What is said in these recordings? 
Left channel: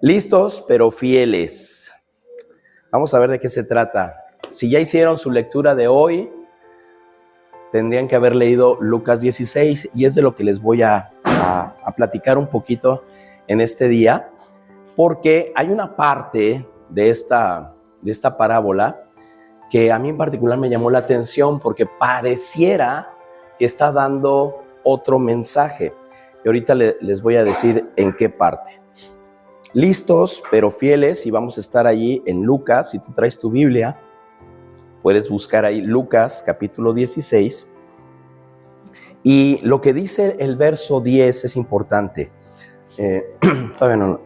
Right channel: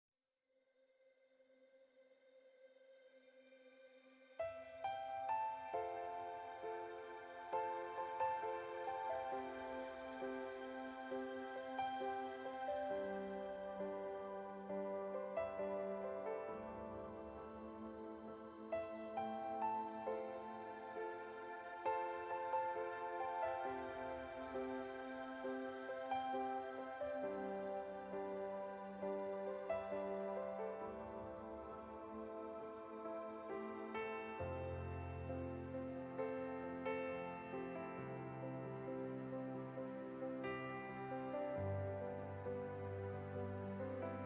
Listos, pero fieles. Vamos a ver de qué se trata. Si ya hicieron su lectura de hoy, tendrían que haber leído Lucas 16 y es de lo que les voy a platicar un poquito en este día, porque hay una parte de esta parábola que a mí en particular me llamó la atención porque pareciera que está dando otro mensaje. Y ahorita les voy a decir en qué parte. Listos, pero fieles, y vamos a estar allí en Lucas. Si tú traes tu Biblia, puedes buscar ahí Lucas capítulo 16. Y lo que dice el verso 10 es importante. Todavía no.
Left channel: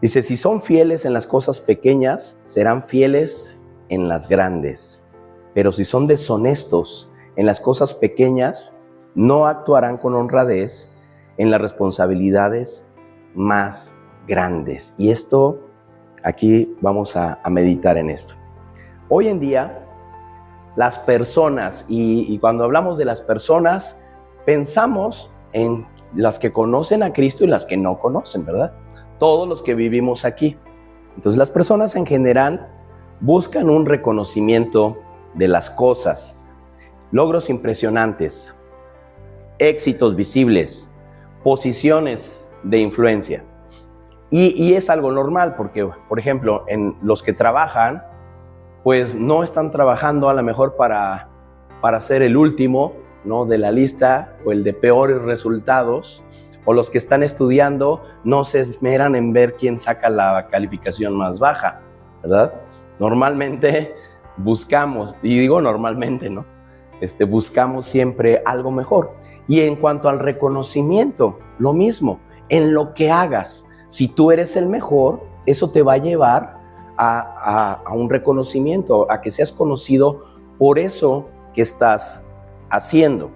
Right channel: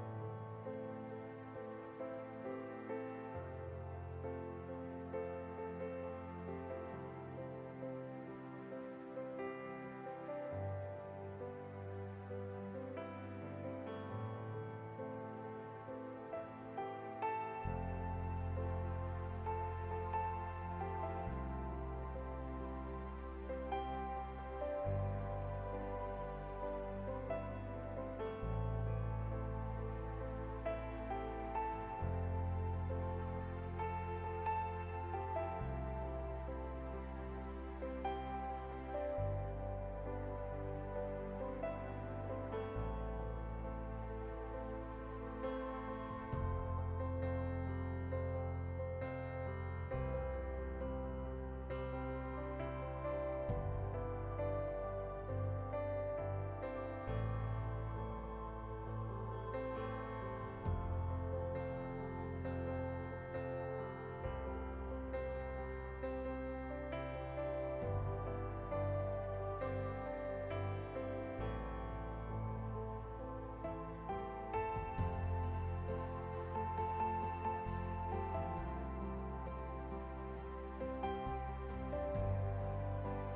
Dice, si son fieles en las cosas pequeñas, serán fieles en las grandes. Pero si son deshonestos en las cosas pequeñas, no actuarán con honradez en las responsabilidades más grandes. Y esto, aquí vamos a meditar en esto. Hoy en día, las personas, y cuando hablamos de las personas, pensamos en las que conocen a Cristo y las que no conocen, ¿verdad? Todos los que vivimos aquí. Entonces, las personas en general buscan un reconocimiento de las cosas, logros impresionantes, éxitos visibles, posiciones de influencia. Y es algo normal porque, por ejemplo, en los que trabajan, pues no están trabajando a lo mejor para ser el último, ¿no?, de la lista o el de peores resultados, o los que están estudiando no se esmeran en ver quién saca la calificación más baja, ¿verdad? Normalmente buscamos, y digo normalmente, ¿no? Buscamos siempre algo mejor. Y en cuanto al reconocimiento, lo mismo, en lo que hagas, si tú eres el mejor, eso te va a llevar a un reconocimiento, a que seas conocido por eso que estás haciendo.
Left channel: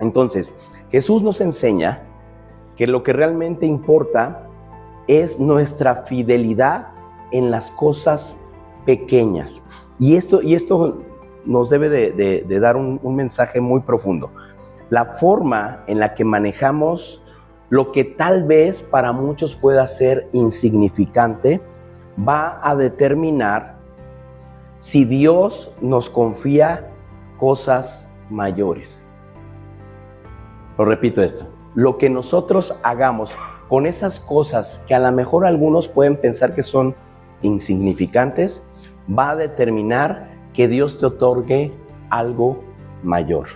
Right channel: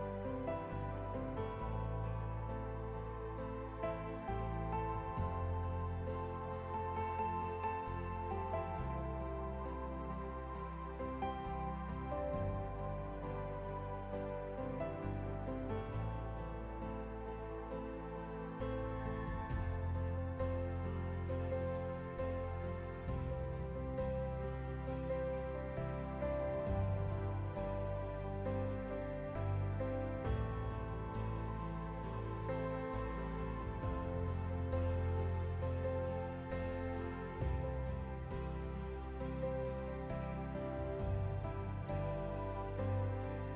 Entonces, Jesús nos enseña que lo que realmente importa es nuestra fidelidad en las cosas pequeñas. Y esto nos debe de dar un mensaje muy profundo. La forma en la que manejamos lo que tal vez para muchos pueda ser insignificante va a determinar si Dios nos confía cosas mayores. Lo repito esto. Lo que nosotros hagamos con esas cosas que a lo mejor algunos pueden pensar que son insignificantes, va a determinar que Dios te otorgue algo mayor.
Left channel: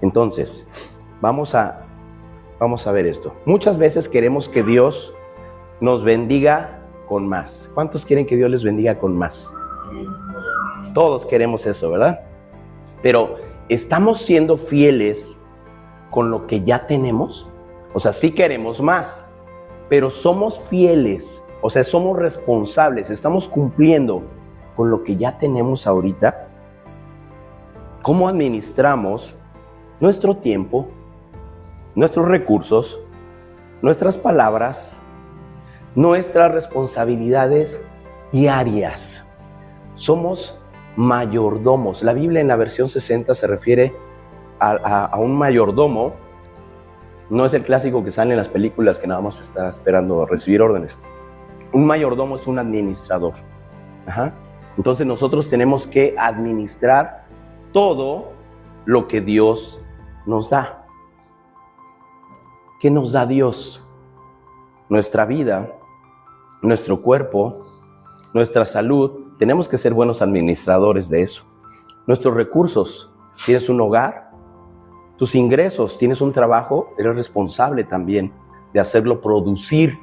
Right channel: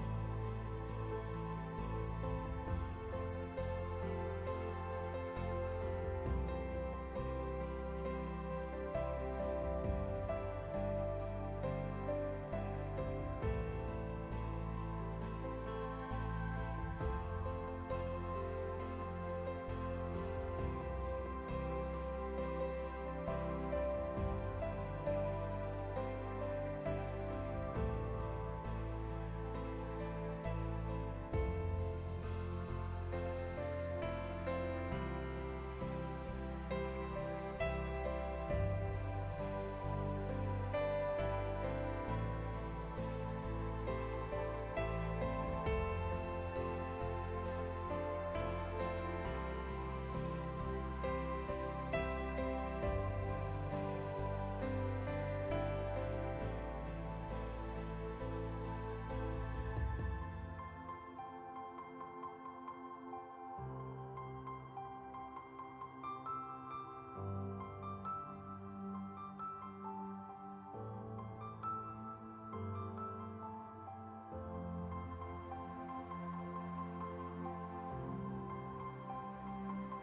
Entonces, vamos a ver esto. Muchas veces queremos que Dios nos bendiga con más. ¿Cuántos quieren que Dios les bendiga con más? Todos queremos eso, ¿verdad? Pero, ¿estamos siendo fieles con lo que ya tenemos? O sea, sí queremos más, pero somos fieles, o sea, somos responsables, estamos cumpliendo con lo que ya tenemos ahorita. ¿Cómo administramos nuestro tiempo, nuestros recursos, nuestras palabras, nuestras responsabilidades diarias? Somos mayordomos. La Biblia en la versión 60 se refiere a un mayordomo. No es el clásico que sale en las películas que nada más está esperando recibir órdenes. Un mayordomo es un administrador. Entonces nosotros tenemos que administrar todo lo que Dios nos da. ¿Qué nos da Dios? Nuestra vida, nuestro cuerpo, nuestra salud. Tenemos que ser buenos administradores de eso. Nuestros recursos. ¿Tienes un hogar? Tus ingresos. ¿Tienes un trabajo? Eres responsable también de hacerlo producir,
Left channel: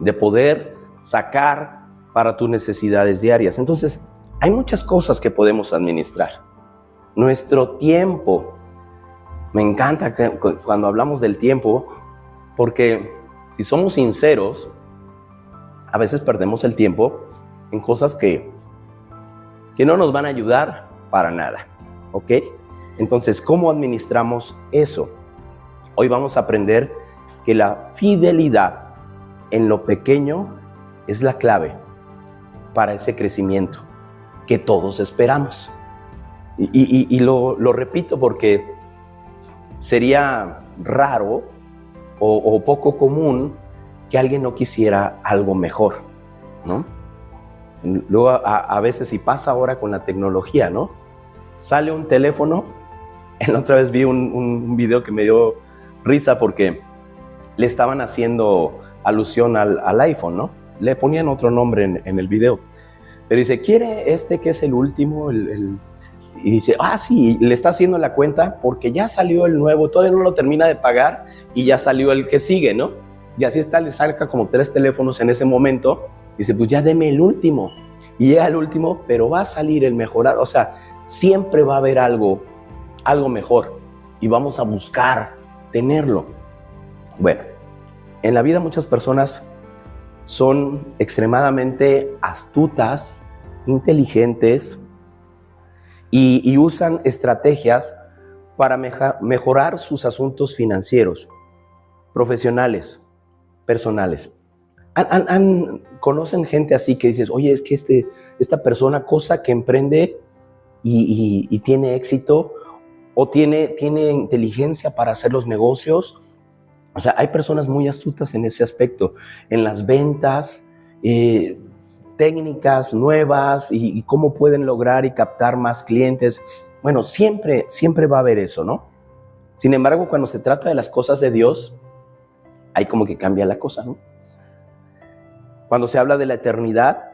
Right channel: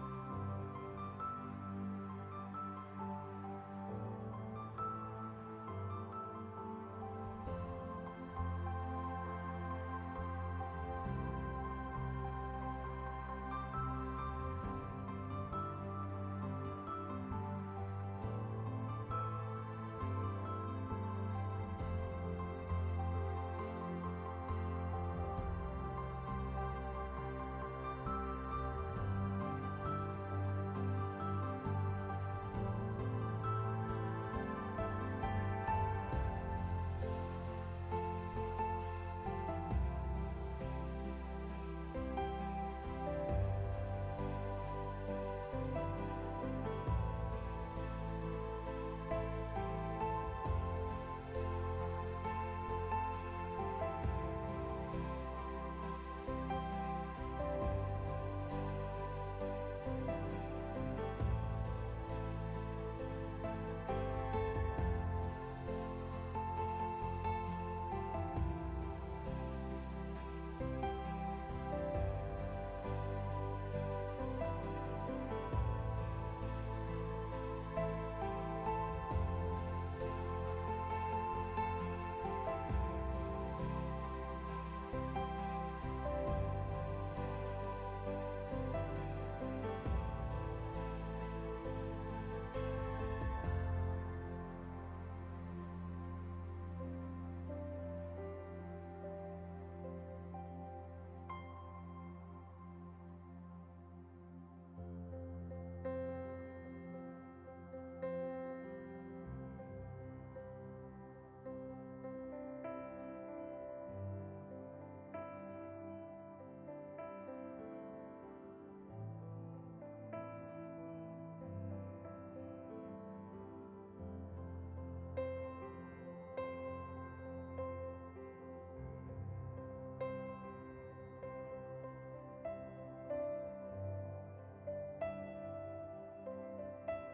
de poder sacar para tus necesidades diarias. Entonces, hay muchas cosas que podemos administrar. Nuestro tiempo. Me encanta cuando hablamos del tiempo, porque si somos sinceros, a veces perdemos el tiempo en cosas que no nos van a ayudar para nada, ¿ok? Entonces, ¿cómo administramos eso? Hoy vamos a aprender que la fidelidad en lo pequeño es la clave para ese crecimiento que todos esperamos. Y lo repito porque sería raro o poco común que alguien no quisiera algo mejor, ¿no? Luego a veces, y pasa ahora con la tecnología, ¿no? Sale un teléfono. La otra vez vi un video que me dio risa porque le estaban haciendo alusión al iPhone, ¿no? Le ponían otro nombre en el video. Pero dice, ¿quiere este que es el último? Y dice, sí, le está haciendo la cuenta porque ya salió el nuevo, todavía no lo termina de pagar y ya salió el que sigue, ¿no? Y así está, le saca como 3 teléfonos en ese momento. Dice, pues ya deme el último. Y llega el último, pero va a salir el mejorado. O sea, siempre va a haber algo mejor y vamos a buscar tenerlo. Bueno, en la vida muchas personas son extremadamente astutas, inteligentes y usan estrategias para mejorar sus asuntos financieros, profesionales, personales. ¿Conocen gente así que dices, oye, es que esta persona, cosa que emprende y tiene éxito, o tiene inteligencia para hacer los negocios? O sea, hay personas muy astutas en ese aspecto, en las ventas, técnicas nuevas y cómo pueden lograr y captar más clientes. Bueno, siempre va a haber eso, ¿no? Sin embargo, cuando se trata de las cosas de Dios, hay como que cambia la cosa, ¿no? Cuando se habla de la eternidad,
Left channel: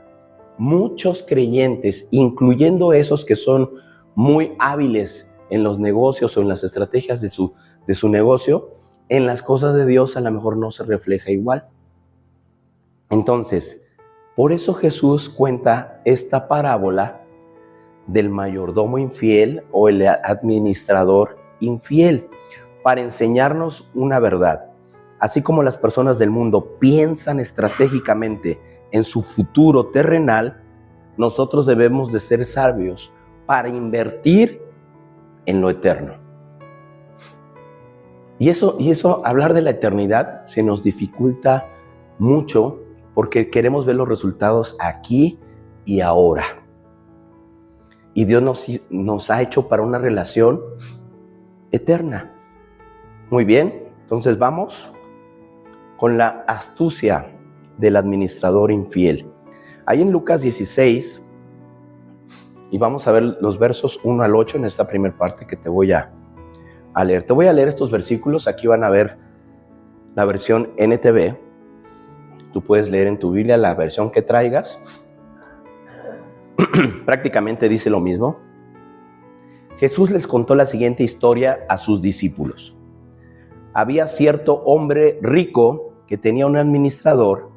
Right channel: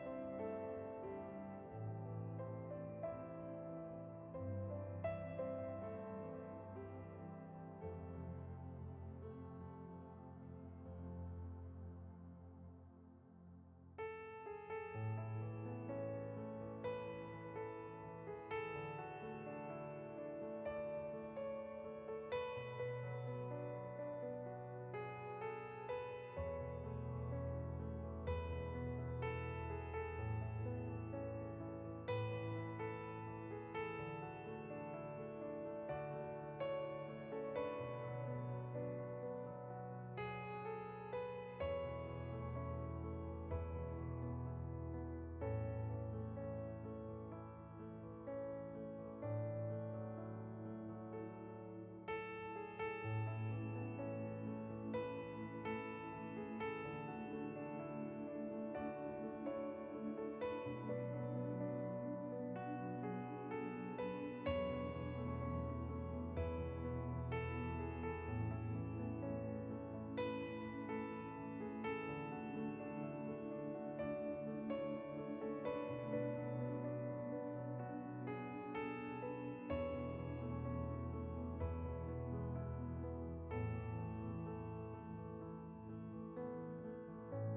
muchos creyentes, incluyendo esos que son muy hábiles en los negocios o en las estrategias de su negocio, en las cosas de Dios a lo mejor no se refleja igual. Entonces, por eso Jesús cuenta esta parábola del mayordomo infiel o el administrador infiel, para enseñarnos una verdad. Así como las personas del mundo piensan estratégicamente en su futuro terrenal, nosotros debemos de ser sabios para invertir en lo eterno. Y eso, hablar de la eternidad se nos dificulta mucho porque queremos ver los resultados aquí y ahora. Y Dios nos ha hecho para una relación eterna. Muy bien, entonces vamos con la astucia del administrador infiel. Ahí en Lucas 16, y vamos a ver los versos 1 al 8 en esta primera parte que te voy a leer. Te voy a leer estos versículos. Aquí van a ver la versión NTV. Tú puedes leer en tu Biblia la versión que traigas. Prácticamente dice lo mismo. Jesús les contó la siguiente historia a sus discípulos. Había cierto hombre rico que tenía un administrador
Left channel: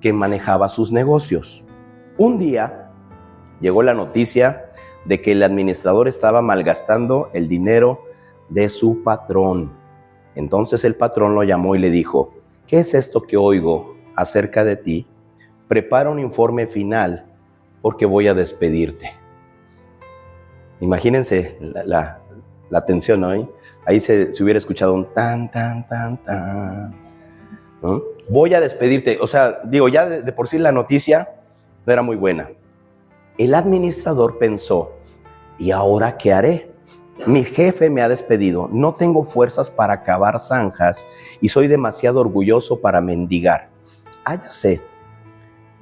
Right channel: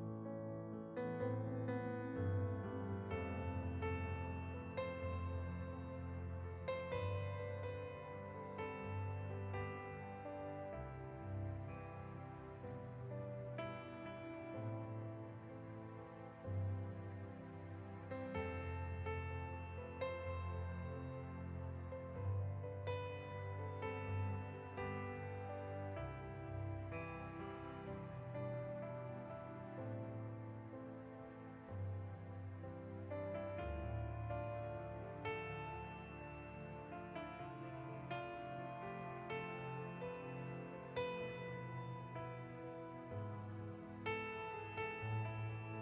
que manejaba sus negocios. Un día llegó la noticia de que el administrador estaba malgastando el dinero de su patrón. Entonces el patrón lo llamó y le dijo, ¿qué es esto que oigo acerca de ti? Prepara un informe final porque voy a despedirte. Imagínense la tensión, ¿no? Ahí se hubiera escuchado un tan, tan, tan, tan, ¿no? Voy a despedirte. O sea, digo, ya de por sí la noticia no era muy buena. El administrador pensó, ¿y ahora qué haré? Mi jefe me ha despedido, no tengo fuerzas para cavar zanjas y soy demasiado orgulloso para mendigar.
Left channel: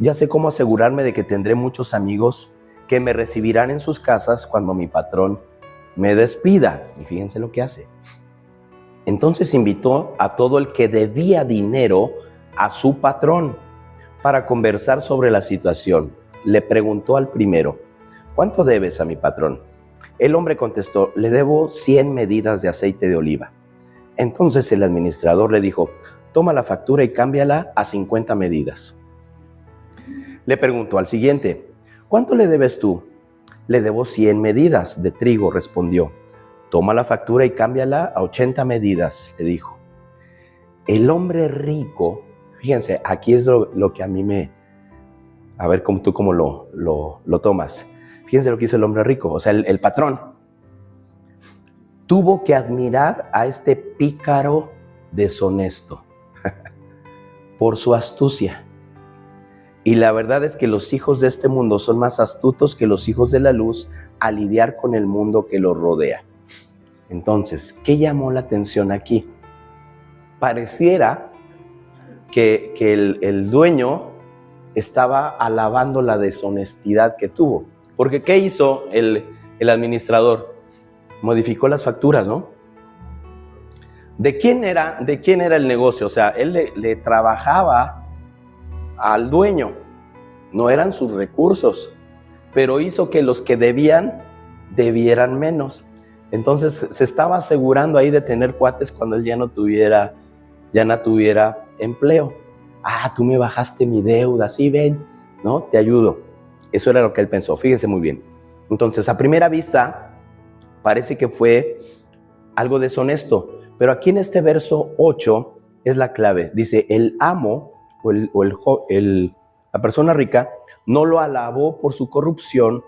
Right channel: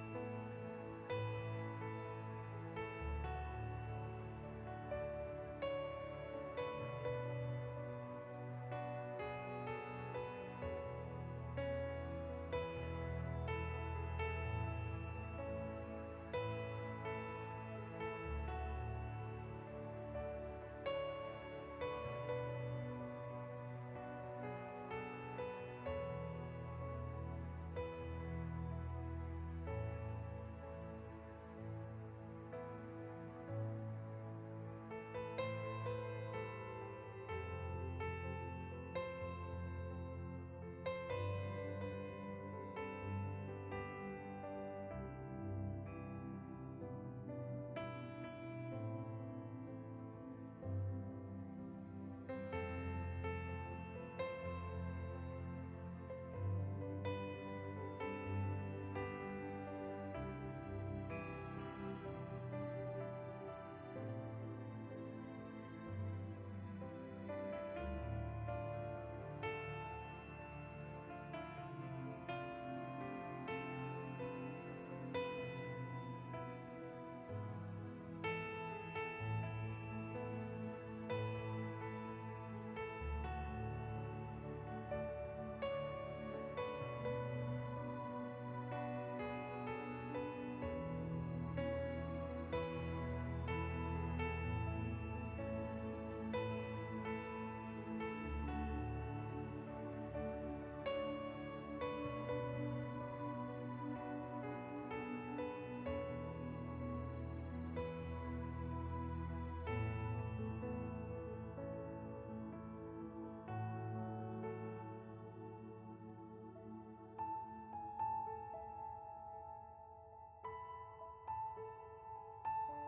Ya sé cómo asegurarme de que tendré muchos amigos que me recibirán en sus casas cuando mi patrón me despida. Y fíjense lo que hace. Entonces invitó a todo el que debía dinero a su patrón para conversar sobre la situación. Le preguntó al primero, ¿cuánto debes a mi patrón? El hombre contestó, le debo 100 medidas de aceite de oliva. Entonces el administrador le dijo, toma la factura y cámbiala a 50 medidas. Le preguntó al siguiente, ¿cuánto le debes tú? Le debo 100 medidas de trigo, respondió. Toma la factura y cámbiala a 80 medidas, le dijo. El hombre rico, fíjense, aquí es lo que a mí me... A ver tú cómo lo tomas. Fíjense lo que hizo el hombre rico, o sea, el patrón. Tuvo que admirar a este pícaro deshonesto por su astucia. Y la verdad es que los hijos de este mundo son más astutos que los hijos de la luz a lidiar con el mundo que los rodea. Entonces, ¿qué llamó la atención aquí? Pareciera que el dueño estaba alabando la deshonestidad que tuvo. Porque ¿qué hizo el administrador? Modificó las facturas, ¿no? ¿De quién era el negocio? O sea, él le trabajaba al dueño, no eran sus recursos, pero hizo que los que debieran menos. Entonces se estaba asegurando ahí de tener cuates cuando él ya no tuviera empleo. Tú me bajaste mi deuda, sí, ven, ¿no? Te ayudo. Eso era lo que él pensó, fíjense muy bien. Entonces, a primera vista, parece que fue algo deshonesto, pero aquí en este verso 8 es la clave. Dice, el amo la persona rica no lo alabó por su corrupción,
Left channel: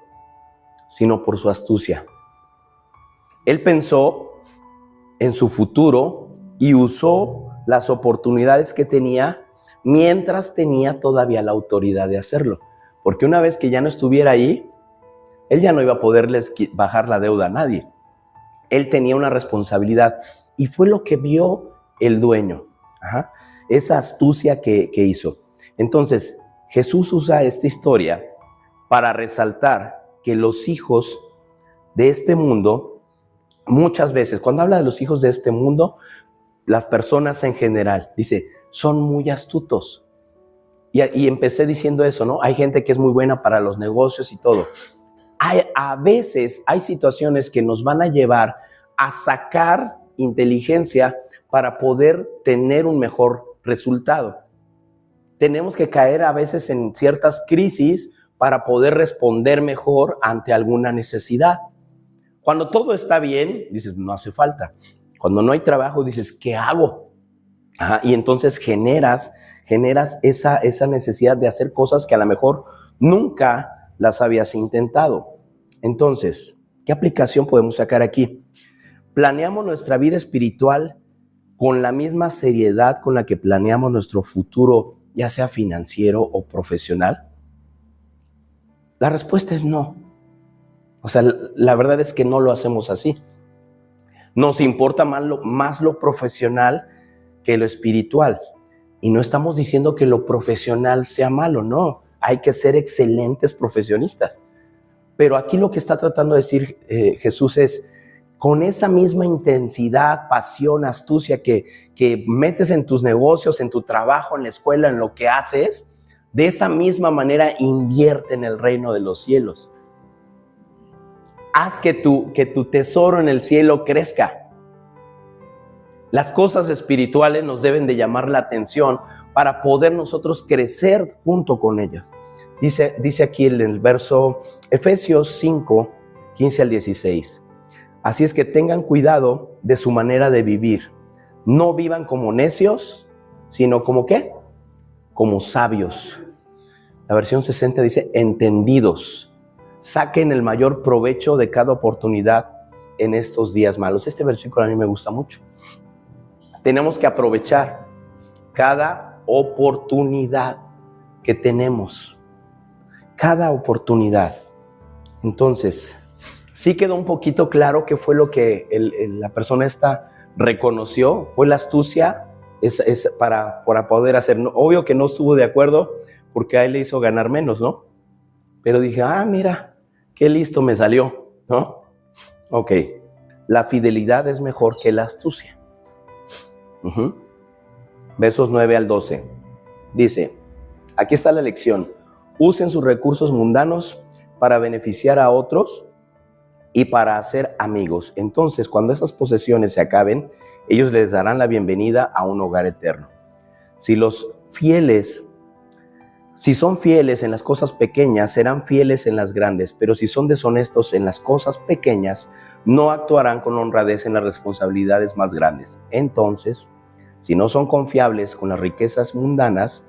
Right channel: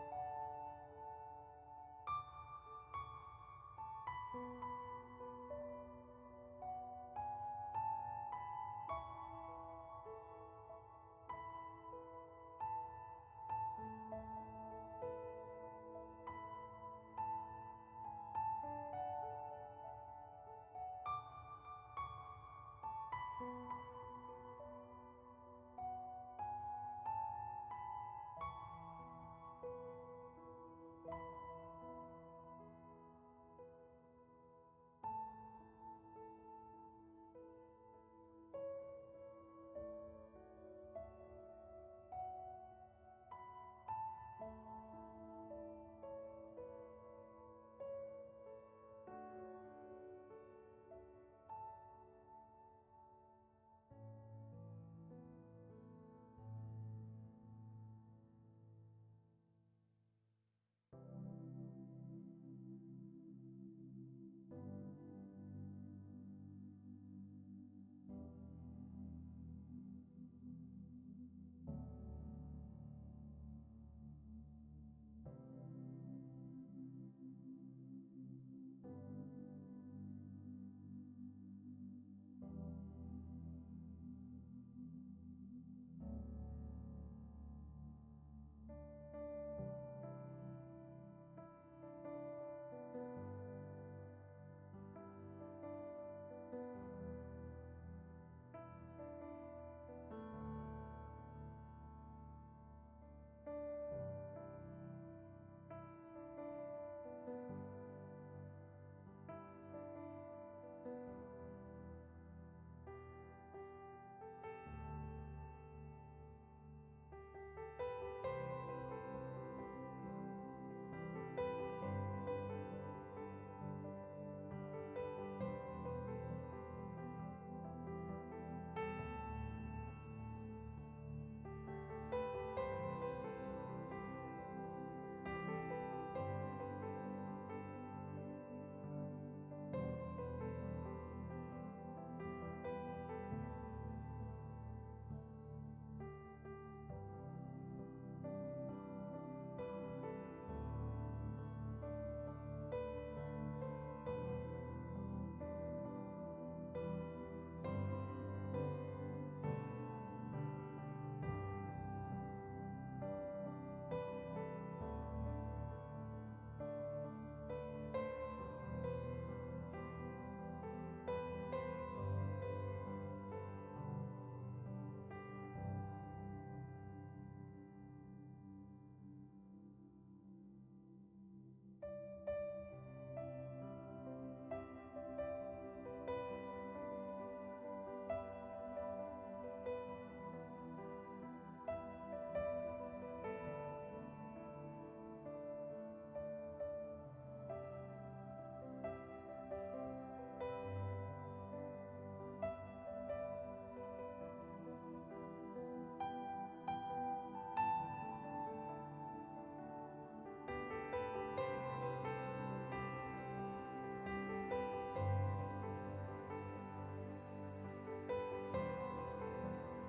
sino por su astucia. Él pensó en su futuro y usó las oportunidades que tenía mientras tenía todavía la autoridad de hacerlo. Porque una vez que ya no estuviera ahí, él ya no iba a poderles bajar la deuda a nadie. Él tenía una responsabilidad y fue lo que vio el dueño. Esa astucia que hizo. Entonces, Jesús usa esta historia para resaltar que los hijos de este mundo, muchas veces, cuando habla de los hijos de este mundo, las personas en general, dice, son muy astutos. Y empecé diciendo eso, ¿no? Hay gente que es muy buena para los negocios y todo. A veces hay situaciones que nos van a llevar a sacar inteligencia para poder tener un mejor resultado. Tenemos que caer a veces en ciertas crisis para poder responder mejor ante alguna necesidad. Cuando todo está bien, dices, no hace falta. Cuando no hay trabajo, dices, ¿qué hago? Y entonces generas esa necesidad de hacer cosas que a lo mejor nunca las habías intentado. Entonces, ¿qué aplicación podemos sacar aquí? ¿Planeamos nuestra vida espiritual con la misma seriedad con la que planeamos nuestro futuro, ya sea financiero o profesional? La respuesta es no. O sea, la verdad es que no lo hacemos así. Nos importa más lo profesional que lo espiritual. Y no estamos diciendo que lo profesional sea malo, no. Hay que ser excelentes profesionistas. Pero aquí lo que está tratando de decir Jesús es, con esa misma intensidad, pasión, astucia que metes en tus negocios, en tu trabajo, en la escuela, en lo que haces, de esa misma manera invierte en el reino de los cielos. Haz que tu tesoro en el cielo crezca. Las cosas espirituales nos deben de llamar la atención para poder nosotros crecer junto con ellas. Dice aquí en el verso Efesios 5, 15 al 16. Así es que tengan cuidado de su manera de vivir. No vivan como necios, sino como ¿qué? Como sabios. La versión 60 dice entendidos. Saquen el mayor provecho de cada oportunidad en estos días malos. Este versículo a mí me gusta mucho. Tenemos que aprovechar cada oportunidad que tenemos. Cada oportunidad. Entonces, sí quedó un poquito claro qué fue lo que la persona esta reconoció. Fue la astucia para poder hacer. Obvio que no estuvo de acuerdo porque a él le hizo ganar menos, ¿no? Pero dije, mira, qué listo me salió, ¿no? Ok, la fidelidad es mejor que la astucia. Versos 9 al 12. Dice, aquí está la lección. Usen sus recursos mundanos para beneficiar a otros y para hacer amigos. Entonces, cuando esas posesiones se acaben, ellos les darán la bienvenida a un hogar eterno. Si son fieles en las cosas pequeñas, serán fieles en las grandes, pero si son deshonestos en las cosas pequeñas, no actuarán con honradez en las responsabilidades más grandes. Entonces, si no son confiables con las riquezas mundanas,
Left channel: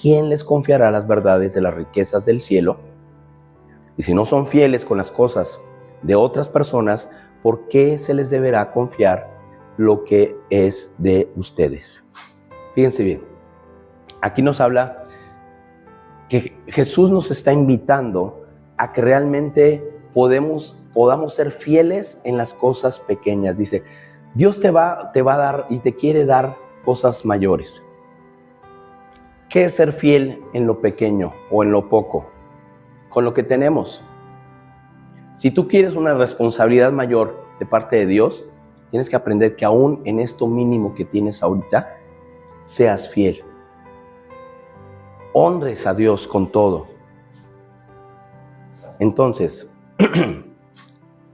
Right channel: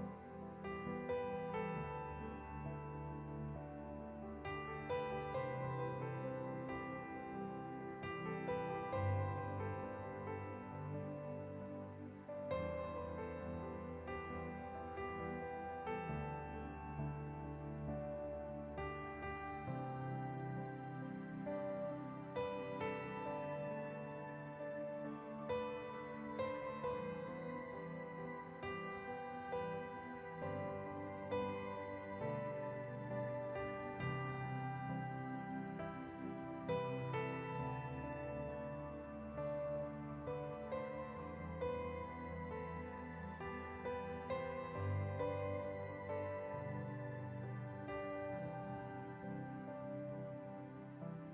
¿quién les confiará las verdades de las riquezas del cielo? Y si no son fieles con las cosas de otras personas, ¿por qué se les deberá confiar lo que es de ustedes? Fíjense bien, aquí nos habla que Jesús nos está invitando a que realmente podamos ser fieles en las cosas pequeñas. Dice, Dios te va a dar y te quiere dar cosas mayores. ¿Qué es ser fiel en lo pequeño o en lo poco? Con lo que tenemos. Si tú quieres una responsabilidad mayor de parte de Dios, tienes que aprender que aún en esto mínimo que tienes ahorita, seas fiel. Honres a Dios con todo. Entonces,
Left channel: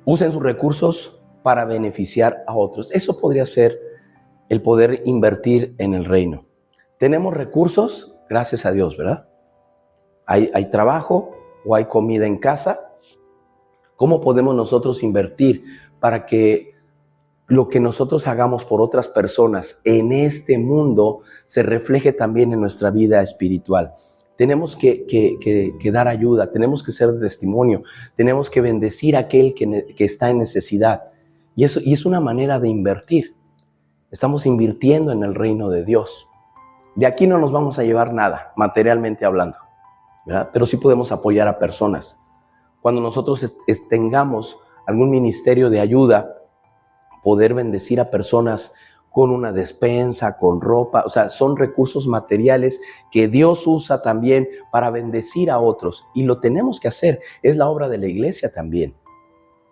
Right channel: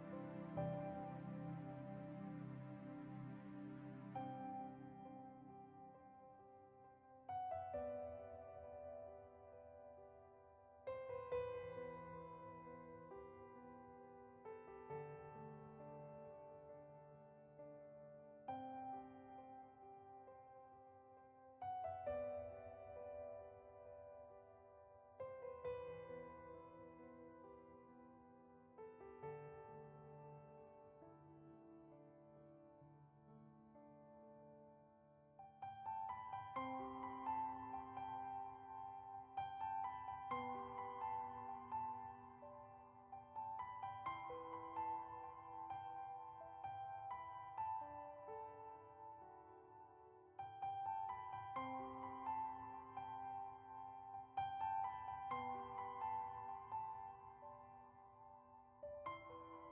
usen sus recursos para beneficiar a otros. Eso podría ser el poder invertir en el reino. Tenemos recursos, gracias a Dios, ¿verdad? Hay trabajo o hay comida en casa. ¿Cómo podemos nosotros invertir para que lo que nosotros hagamos por otras personas en este mundo se refleje también en nuestra vida espiritual? Tenemos que dar ayuda, tenemos que ser testimonio, tenemos que bendecir a aquel que está en necesidad. Y es una manera de invertir. Estamos invirtiendo en el reino de Dios. De aquí no nos vamos a llevar nada, materialmente hablando, ¿verdad? Pero sí podemos apoyar a personas. Cuando nosotros tengamos algún ministerio de ayuda, poder bendecir a personas con una despensa, con ropa, o sea, son recursos materiales que Dios usa también para bendecir a otros. Y lo tenemos que hacer, es la obra de la iglesia también,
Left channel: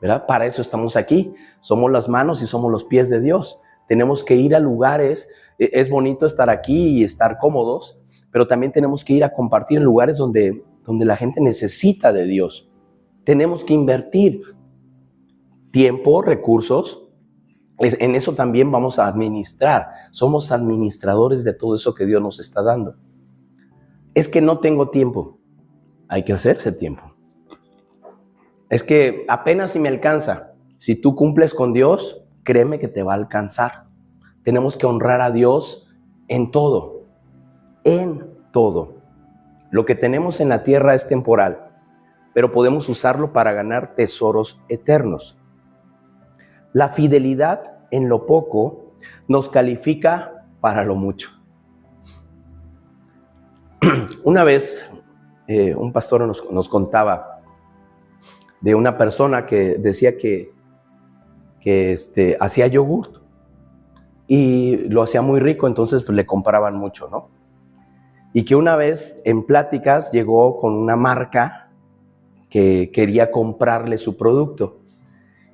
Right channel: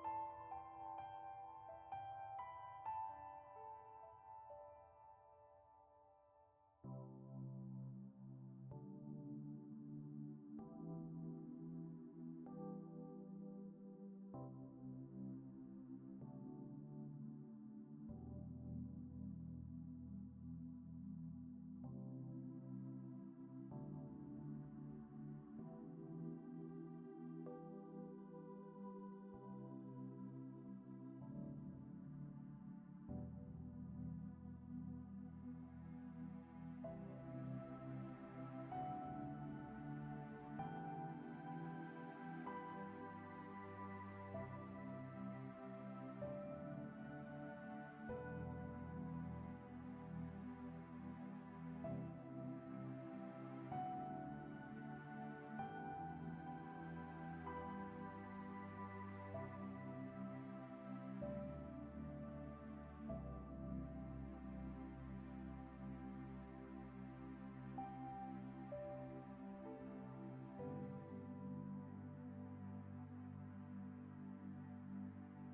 ¿verdad? Para eso estamos aquí, somos las manos y somos los pies de Dios. Tenemos que ir a lugares, es bonito estar aquí y estar cómodos, pero también tenemos que ir a compartir en lugares donde la gente necesita de Dios. Tenemos que invertir tiempo, recursos, en eso también vamos a administrar. Somos administradores de todo eso que Dios nos está dando. Es que no tengo tiempo. Hay que hacerse tiempo. Es que apenas si me alcanza. Si tú cumples con Dios, créeme que te va a alcanzar. Tenemos que honrar a Dios en todo. En todo. Lo que tenemos en la tierra es temporal, pero podemos usarlo para ganar tesoros eternos. La fidelidad en lo poco nos califica para lo mucho. Una vez un pastor nos contaba de una persona que decía que hacía yogurt y lo hacía muy rico, entonces pues le compraban mucho, ¿no? Y que una vez en pláticas llegó con una marca que quería comprarle su producto.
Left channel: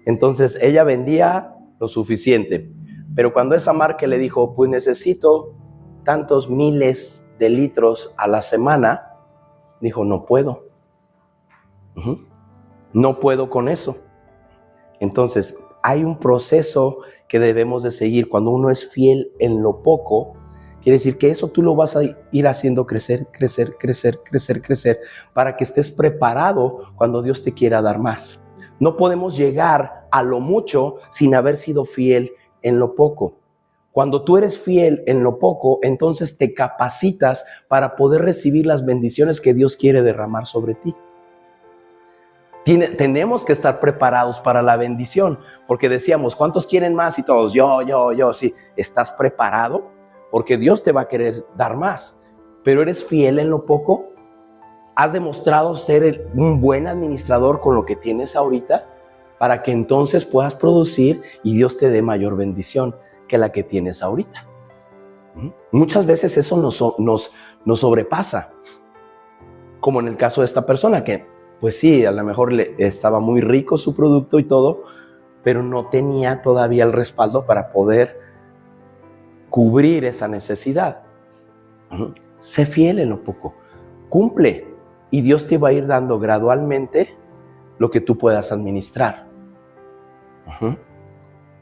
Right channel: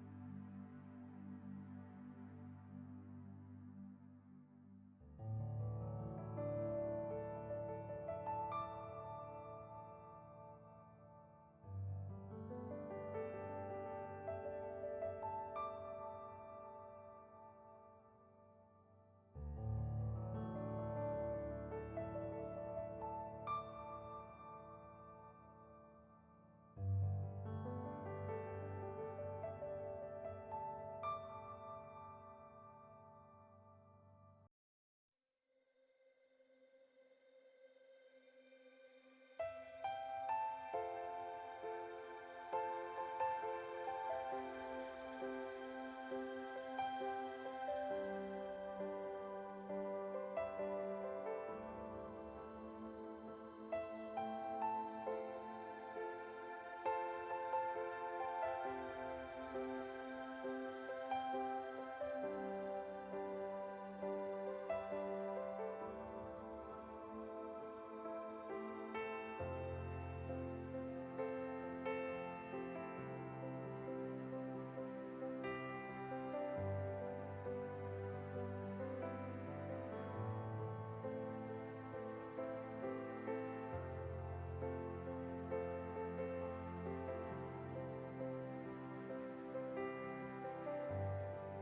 Entonces ella vendía lo suficiente, pero cuando esa marca le dijo, pues necesito tantos miles de litros a la semana, dijo, no puedo. No puedo con eso. Entonces hay un proceso que debemos de seguir. Cuando uno es fiel en lo poco, quiere decir que eso tú lo vas a ir haciendo crecer, para que estés preparado cuando Dios te quiera dar más. No podemos llegar a lo mucho sin haber sido fiel en lo poco. Cuando tú eres fiel en lo poco, entonces te capacitas para poder recibir las bendiciones que Dios quiere derramar sobre ti. Tenemos que estar preparados para la bendición, porque decíamos, ¿cuántos quieren más? Y todos, yo, sí. ¿Estás preparado? Porque Dios te va a querer dar más. Pero ¿eres fiel en lo poco? ¿Has demostrado ser un buen administrador con lo que tienes ahorita? Para que entonces puedas producir y Dios te dé mayor bendición que la que tienes ahorita. Muchas veces eso nos sobrepasa. Como en el caso de esta persona que, pues sí, a lo mejor estaba muy rico su producto y todo, pero no tenía todavía el respaldo para poder cubrir esa necesidad. Sé fiel en lo poco. Cumple. Y Dios te va a ir dando gradualmente lo que tú puedas administrar.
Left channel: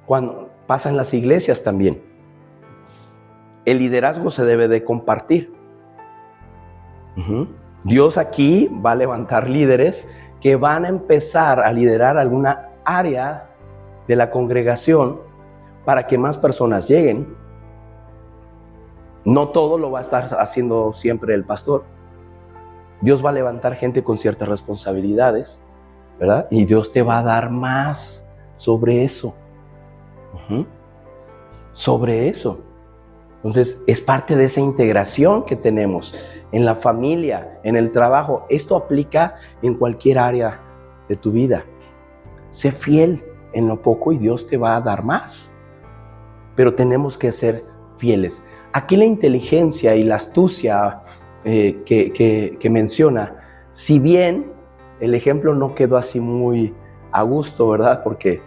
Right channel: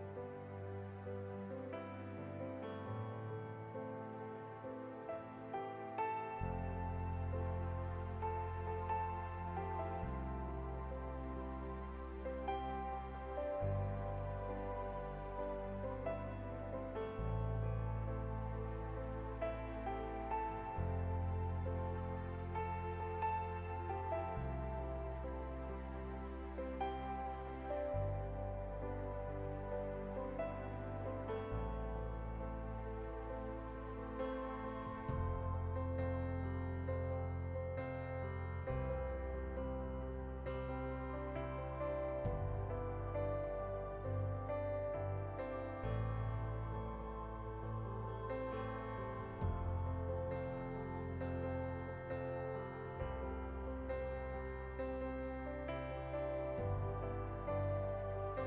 Cuando pasa en las iglesias también, el liderazgo se debe de compartir. Dios aquí va a levantar líderes que van a empezar a liderar alguna área de la congregación para que más personas lleguen. No todo lo va a estar haciendo siempre el pastor. Dios va a levantar gente con ciertas responsabilidades, ¿verdad? Y Dios te va a dar más sobre eso. Sobre eso. Entonces, es parte de esa integración que tenemos en la familia, en el trabajo. Esto aplica en cualquier área de tu vida. Sé fiel en lo poco y Dios te va a dar más. Pero tenemos que ser fieles. Aquí la inteligencia y la astucia que menciona, si bien el ejemplo no quedó así muy a gusto, ¿verdad? Porque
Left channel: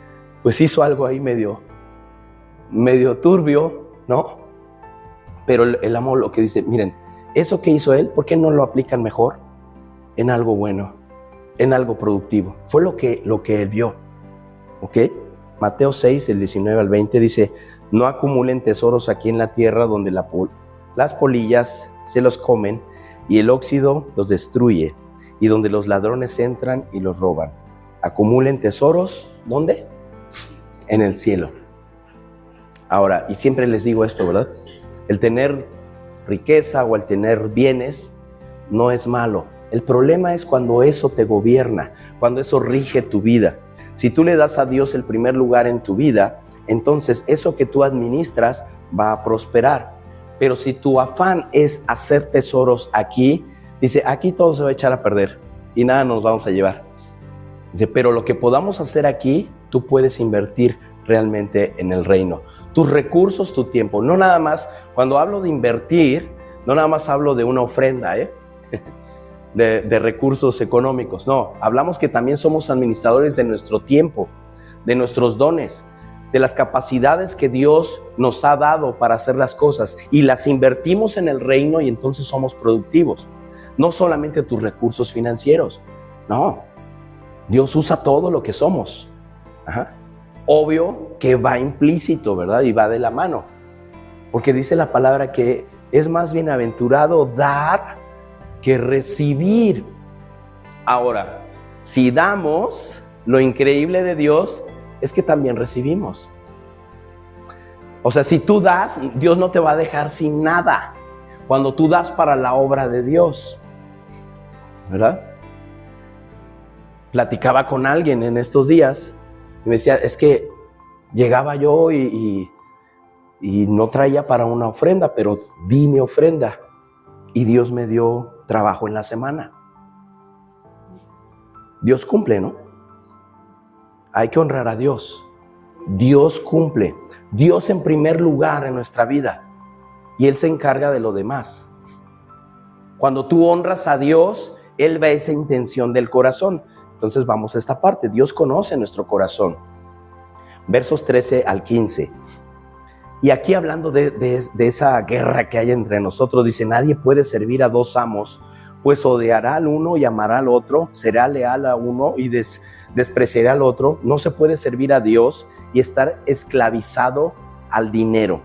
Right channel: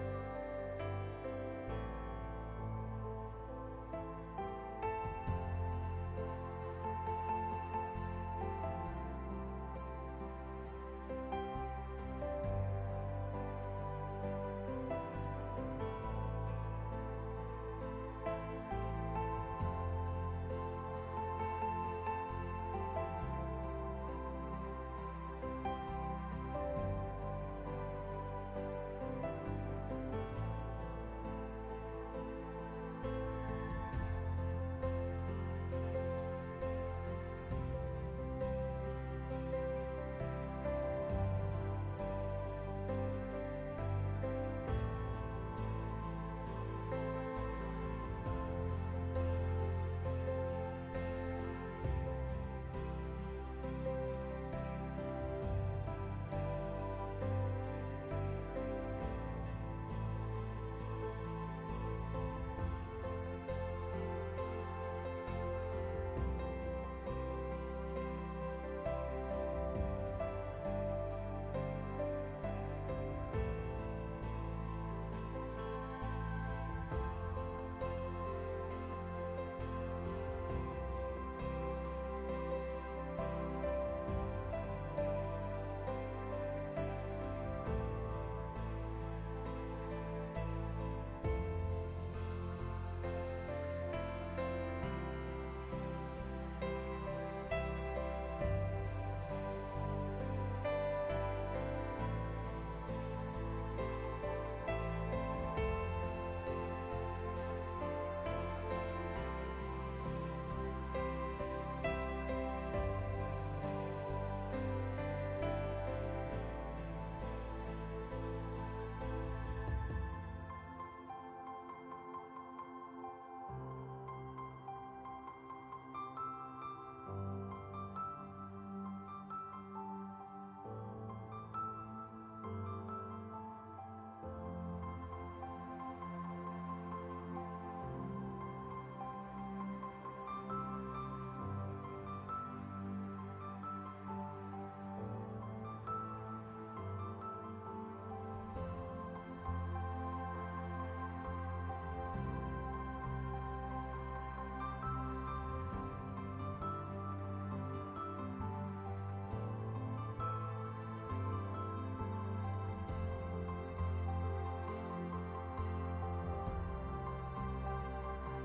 pues hizo algo ahí medio turbio, ¿no? Pero el amo lo que dice, miren, eso que hizo él, ¿por qué no lo aplican mejor en algo bueno, en algo productivo? Fue lo que él vio, ¿ok? Mateo 6, del 19 al 20 dice, no acumulen tesoros aquí en la tierra donde las polillas se los comen y el óxido los destruye y donde los ladrones entran y los roban. Acumulen tesoros, ¿dónde? En el cielo. Ahora, y siempre les digo esto, ¿verdad? El tener riqueza o el tener bienes no es malo. El problema es cuando eso te gobierna, cuando eso rige tu vida. Si tú le das a Dios el primer lugar en tu vida, entonces eso que tú administras va a prosperar. Pero si tu afán es hacer tesoros aquí, dice, aquí todo se va a echar a perder y nada nos vamos a llevar. Dice, pero lo que podamos hacer aquí, tú puedes invertir realmente en el reino. Tus recursos, tu tiempo. No nada más, cuando hablo de invertir, no nada más hablo de una ofrenda, de recursos económicos. No, hablamos que también somos administradores de nuestro tiempo, de nuestros dones, de las capacidades que Dios nos ha dado para hacer las cosas y las invertimos en el reino y entonces somos productivos. No solamente tus recursos financieros, no. Dios usa todo lo que somos. Ajá. Obvio que va implícito, ¿verdad? Y va de la mano. Porque dice la palabra que es más bienaventurado dar que recibir. Ahora, si damos, lo increíble de Dios es que también recibimos. O sea, si tú das, Dios no te va a dejar sin nada. Cuando tú das para la obra de Dios, ¿verdad? Platicaba con alguien en estos días y me decía, es que llegaba yo y no traía para una ofrenda, pero di mi ofrenda y Dios me dio trabajo en la semana. Dios cumple, ¿no? Hay que honrar a Dios. Dios cumple. Dios en primer lugar en nuestra vida y Él se encarga de lo demás. Cuando tú honras a Dios, Él ve esa intención del corazón. Entonces vamos a esta parte. Dios conoce nuestro corazón. Versos 13 al 15. Y aquí hablando de esa guerra que hay entre nosotros, dice, nadie puede servir a dos amos, pues odiará al uno y amará al otro, será leal a uno y despreciará al otro. No se puede servir a Dios y estar esclavizado al dinero.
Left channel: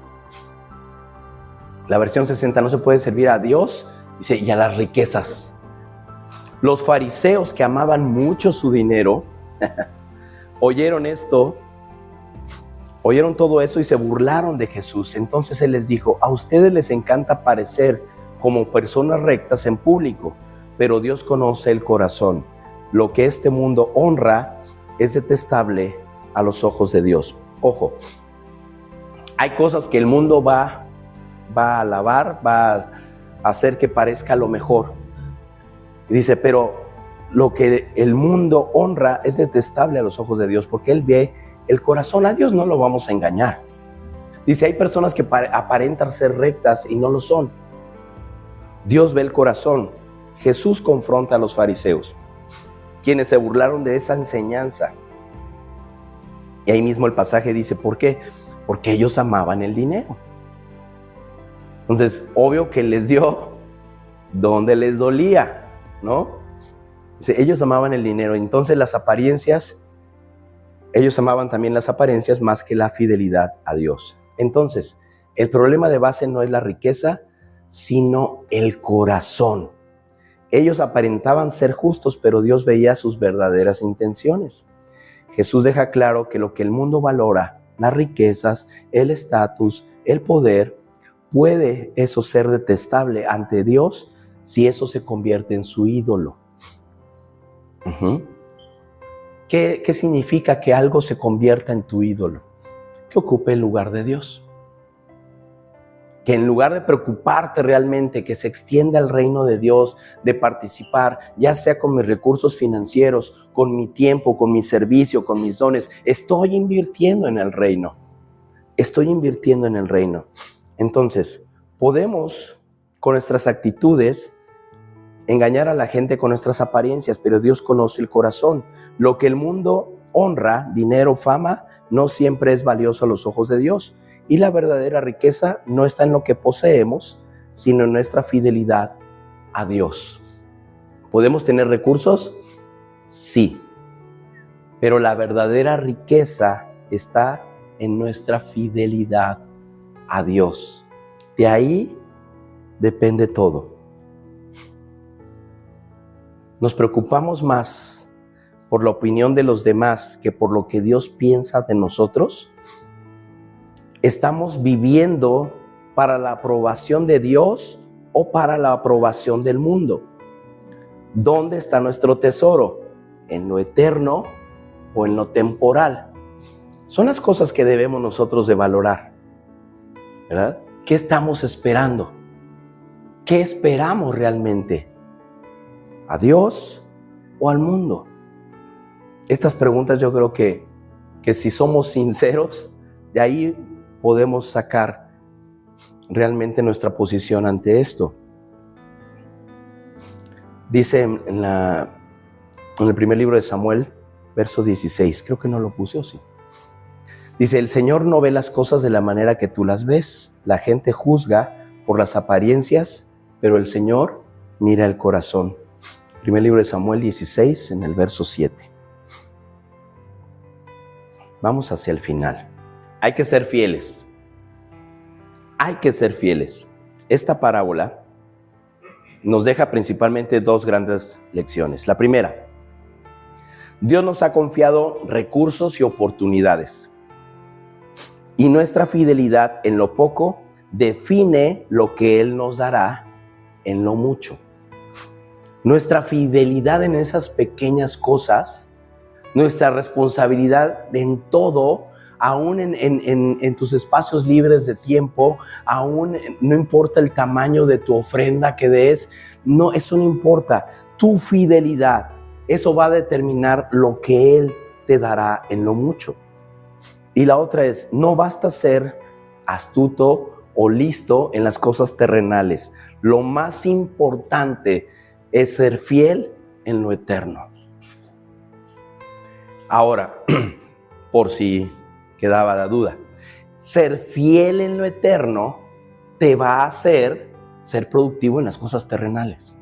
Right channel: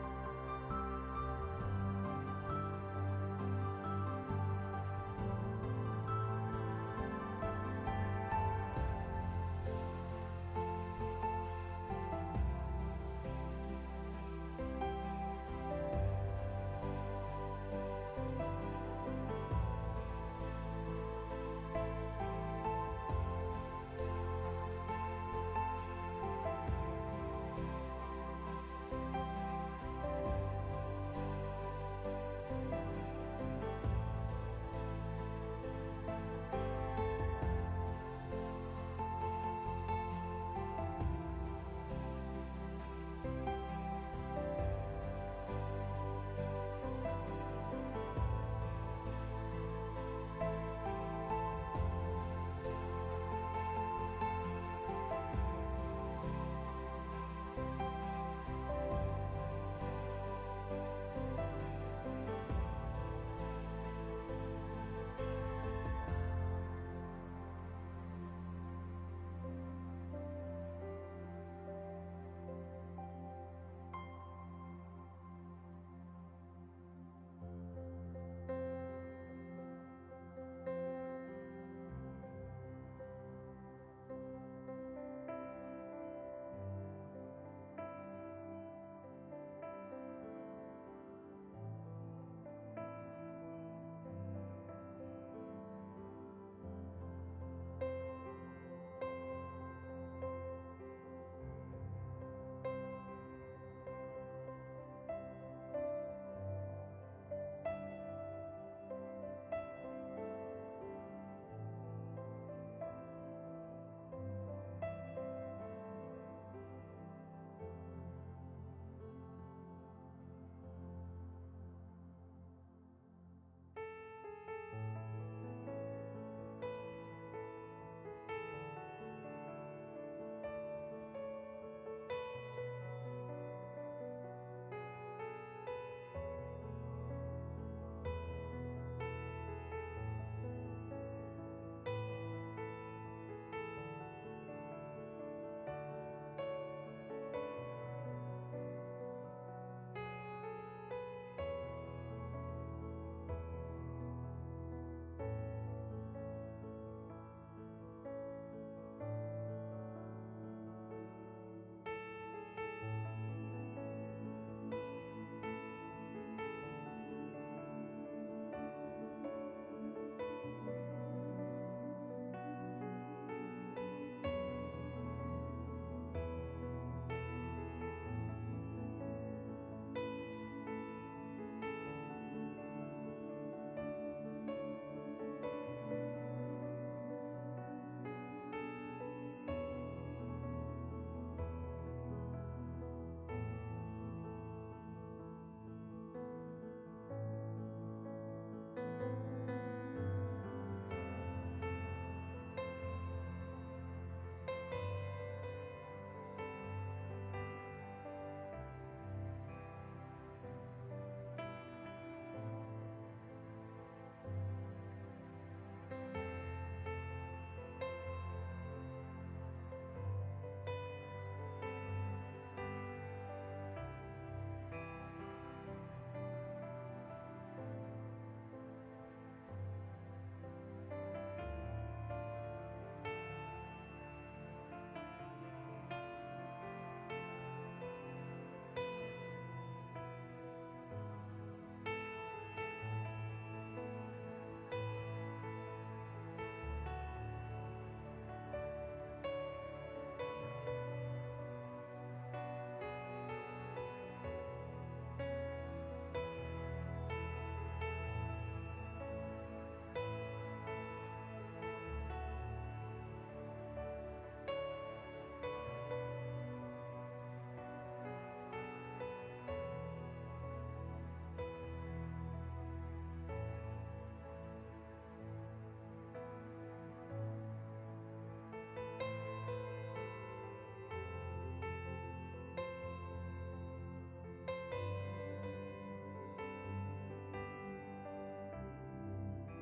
La versión 60, no se puede servir a Dios, dice, y a las riquezas. Los fariseos, que amaban mucho su dinero, oyeron esto, oyeron todo eso y se burlaron de Jesús. Entonces Él les dijo, a ustedes les encanta parecer como personas rectas en público, pero Dios conoce el corazón. Lo que este mundo honra es detestable a los ojos de Dios. Ojo, hay cosas que el mundo va a alabar, va a hacer que parezca lo mejor. Y dice, pero lo que el mundo honra es detestable a los ojos de Dios, porque Él ve el corazón. A Dios no lo vamos a engañar. Dice, hay personas que aparentan ser rectas y no lo son. Dios ve el corazón. Jesús confronta a los fariseos, quienes se burlaron de esa enseñanza. Y ahí mismo el pasaje dice, ¿por qué? Porque ellos amaban el dinero. Entonces, obvio que les dio donde les dolía, ¿no? Dice, ellos amaban el dinero. Entonces las apariencias, ellos amaban también las apariencias más que la fidelidad a Dios. Entonces, el problema de base no es la riqueza, sino el corazón. Ellos aparentaban ser justos, pero Dios veía sus verdaderas intenciones. Jesús deja claro que lo que el mundo valora, las riquezas, el estatus, el poder, puede eso ser detestable ante Dios si eso se convierte en su ídolo. ¿Qué significa que algo se convierta en tu ídolo? Que ocupe el lugar de Dios. Que en lugar de preocuparte realmente que se extienda el reino de Dios, de participar, ya sea con mis recursos financieros, con mi tiempo, con mi servicio, con mis dones, estoy invirtiendo en el reino. Estoy invirtiendo en el reino. Entonces, Podemos, con nuestras actitudes, engañar a la gente con nuestras apariencias, pero Dios conoce el corazón. Lo que el mundo honra, dinero, fama, no siempre es valioso a los ojos de Dios. Y la verdadera riqueza no está en lo que poseemos, sino en nuestra fidelidad a Dios. ¿Podemos tener recursos? Sí. Pero la verdadera riqueza está en nuestra fidelidad a Dios. De ahí depende todo. Nos preocupamos más por la opinión de los demás que por lo que Dios piensa de nosotros. ¿Estamos viviendo para la aprobación de Dios o para la aprobación del mundo? ¿Dónde está nuestro tesoro? ¿En lo eterno o en lo temporal? Son las cosas que debemos nosotros de valorar, ¿verdad? ¿Qué estamos esperando? ¿Qué esperamos realmente? ¿A Dios o al mundo? Estas preguntas yo creo que si somos sinceros, de ahí podemos sacar realmente nuestra posición ante esto. Dice en el primer libro de Samuel, verso 16, creo que no lo puse, ¿o sí? Dice, el Señor no ve las cosas de la manera que tú las ves. La gente juzga por las apariencias, pero el Señor mira el corazón. Primer libro de Samuel 16, en el verso 7. Vamos hacia el final. Hay que ser fieles. Hay que ser fieles. Esta parábola nos deja principalmente dos grandes lecciones. La primera, Dios nos ha confiado recursos y oportunidades. Y nuestra fidelidad en lo poco define lo que Él nos dará en lo mucho. Nuestra fidelidad en esas pequeñas cosas, nuestra responsabilidad en todo, aún en tus espacios libres de tiempo, aún no importa el tamaño de tu ofrenda que des, no, eso no importa. Tu fidelidad, eso va a determinar lo que Él te dará en lo mucho. Y la otra es, no basta ser astuto o listo en las cosas terrenales. Lo más importante es ser fiel en lo eterno. Ahora, por si quedaba la duda, ser fiel en lo eterno te va a hacer ser productivo en las cosas terrenales.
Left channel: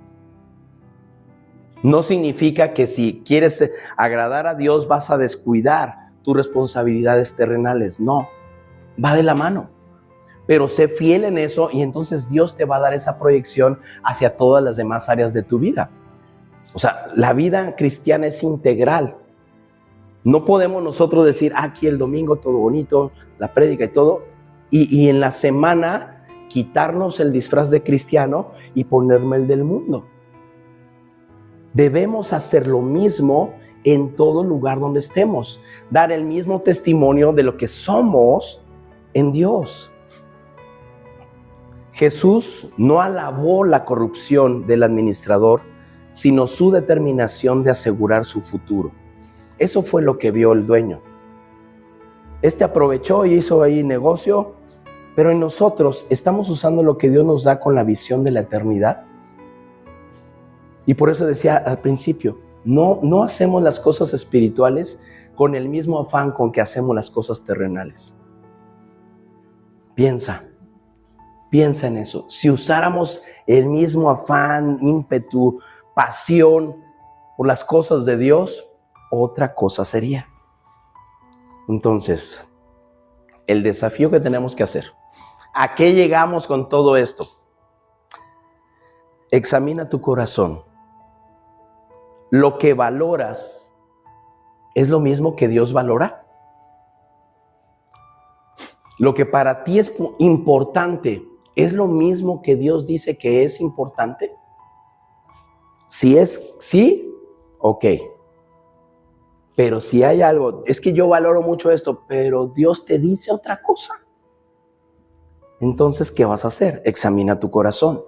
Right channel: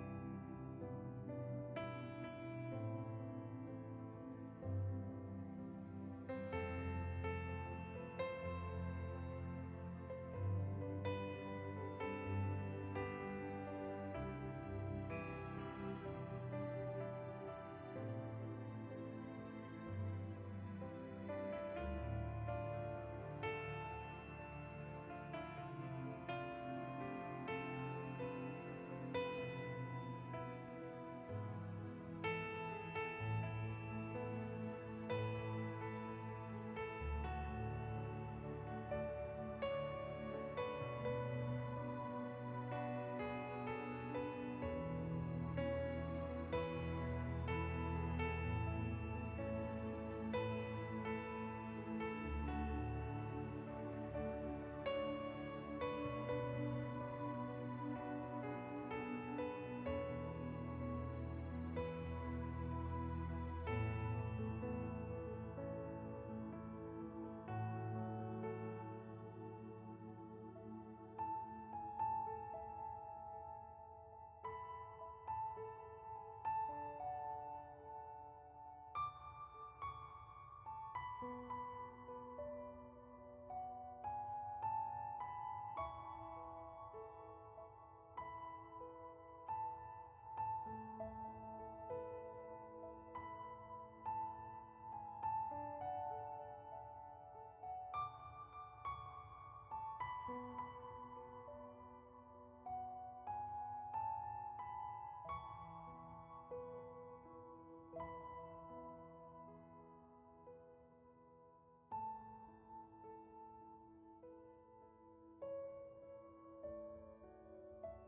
No significa que si quieres agradar a Dios vas a descuidar tus responsabilidades terrenales. No, va de la mano. Pero sé fiel en eso y entonces Dios te va a dar esa proyección hacia todas las demás áreas de tu vida. O sea, la vida cristiana es integral. No podemos nosotros decir, aquí el domingo todo bonito, la prédica y todo, y en la semana quitarnos el disfraz de cristiano y ponerme el del mundo. Debemos hacer lo mismo en todo lugar donde estemos, dar el mismo testimonio de lo que somos en Dios. Jesús no alabó la corrupción del administrador, sino su determinación de asegurar su futuro. Eso fue lo que vio el dueño. Este aprovechó y hizo ahí negocio, pero en nosotros estamos usando lo que Dios nos da con la visión de la eternidad. Y por eso decía al principio, no hacemos las cosas espirituales con el mismo afán con que hacemos las cosas terrenales. Piensa en eso. Si usáramos el mismo afán, ímpetu, pasión por las cosas de Dios, otra cosa sería. Entonces, el desafío que tenemos que hacer. ¿A qué llegamos con todo esto? Examina tu corazón. Lo que valoras es lo mismo que Dios valora. Lo que para ti es importante es lo mismo que Dios dice que es importante. Si es sí, ok. Pero si hay algo, es que yo valoro mucho esto, pero Dios te dice otra cosa. Entonces, ¿qué vas a hacer? Examina tu corazón.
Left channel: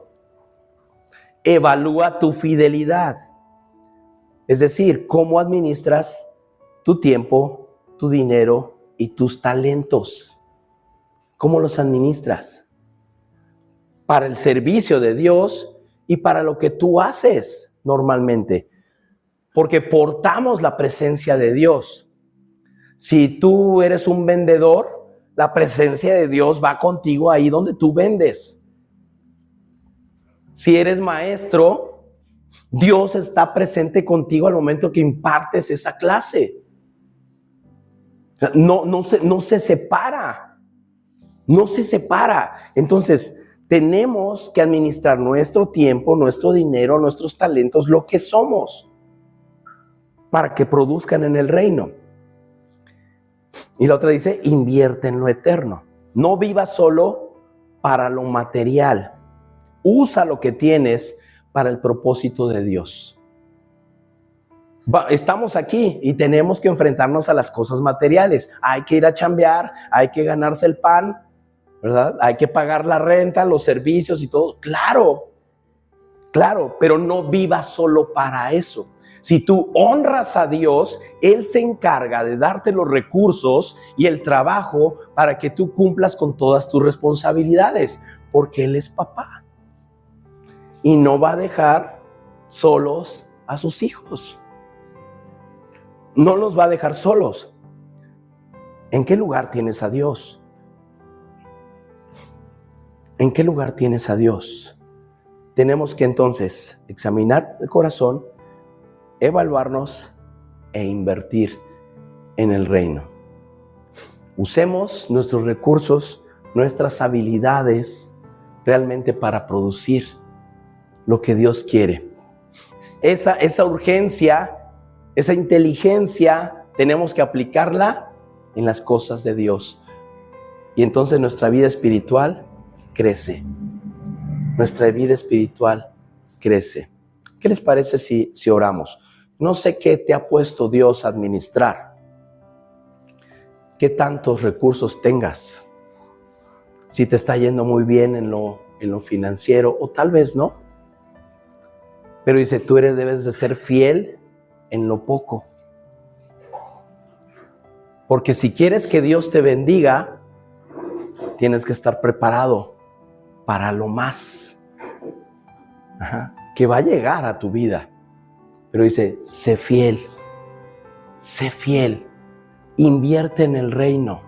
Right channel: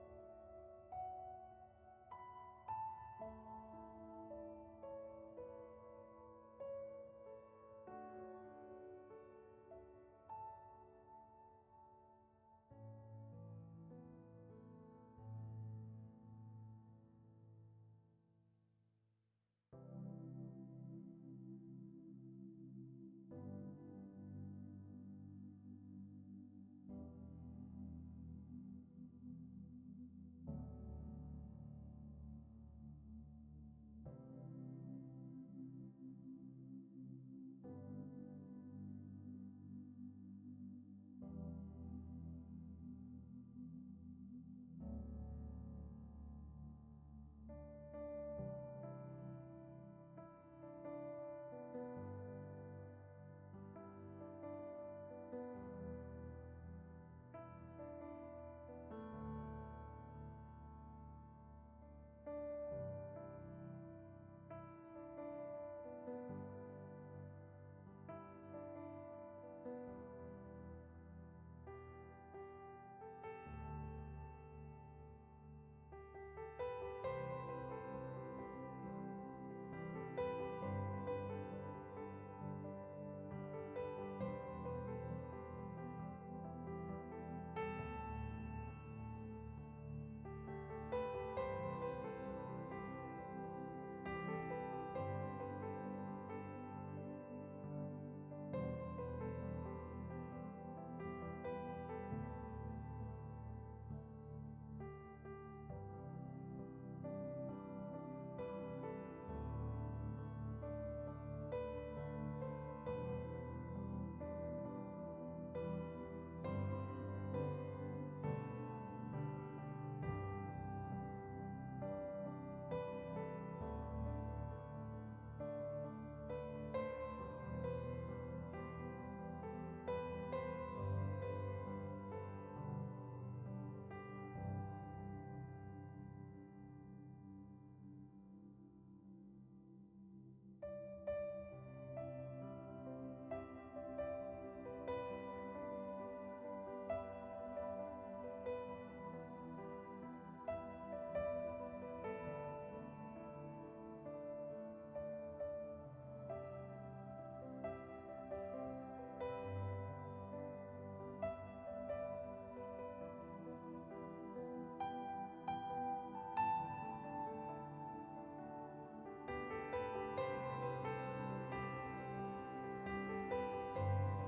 Evalúa tu fidelidad. Es decir, cómo administras tu tiempo, tu dinero y tus talentos. ¿Cómo los administras? para el servicio de Dios y para lo que tú haces normalmente, porque portamos la presencia de Dios. Si tú eres un vendedor, la presencia de Dios va contigo ahí donde tú vendes. Si eres maestro, Dios está presente contigo al momento que impartes esa clase. No se separa. No se separa. Entonces, tenemos que administrar nuestro tiempo, nuestro dinero, nuestros talentos, lo que somos, para que produzcan en el reino. Y la otra dice, invierte en lo eterno. No vivas solo para lo material. Usa lo que tienes para el propósito de Dios. Estamos aquí y tenemos que enfrentarnos a las cosas materiales. Hay que ir a chambear, hay que ganarse el pan, ¿verdad? Hay que pagar la renta, los servicios y todo. Claro, pero no vivas solo para eso. Si tú honras a Dios, Él se encarga de darte los recursos y el trabajo para que tú cumplas con todas tus responsabilidades, porque Él es papá y no va a dejar solos a sus hijos. No los va a dejar solos. ¿En qué lugar tienes a Dios? ¿En qué lugar tienes a Dios? Tenemos que entonces examinar el corazón, evaluarnos e invertir en el reino. Usemos nuestros recursos, nuestras habilidades realmente para producir lo que Dios quiere. Esa urgencia, esa inteligencia, tenemos que aplicarla en las cosas de Dios. Y entonces nuestra vida espiritual crece. Nuestra vida espiritual crece. ¿Qué les parece si oramos? No sé qué te ha puesto Dios a administrar. ¿Qué tantos recursos tengas? Si te está yendo muy bien en lo financiero, o tal vez no. Pero dice, tú debes de ser fiel en lo poco. Porque si quieres que Dios te bendiga, tienes que estar preparado para lo más. Que va a llegar a tu vida. Pero dice, sé fiel, invierte en el reino,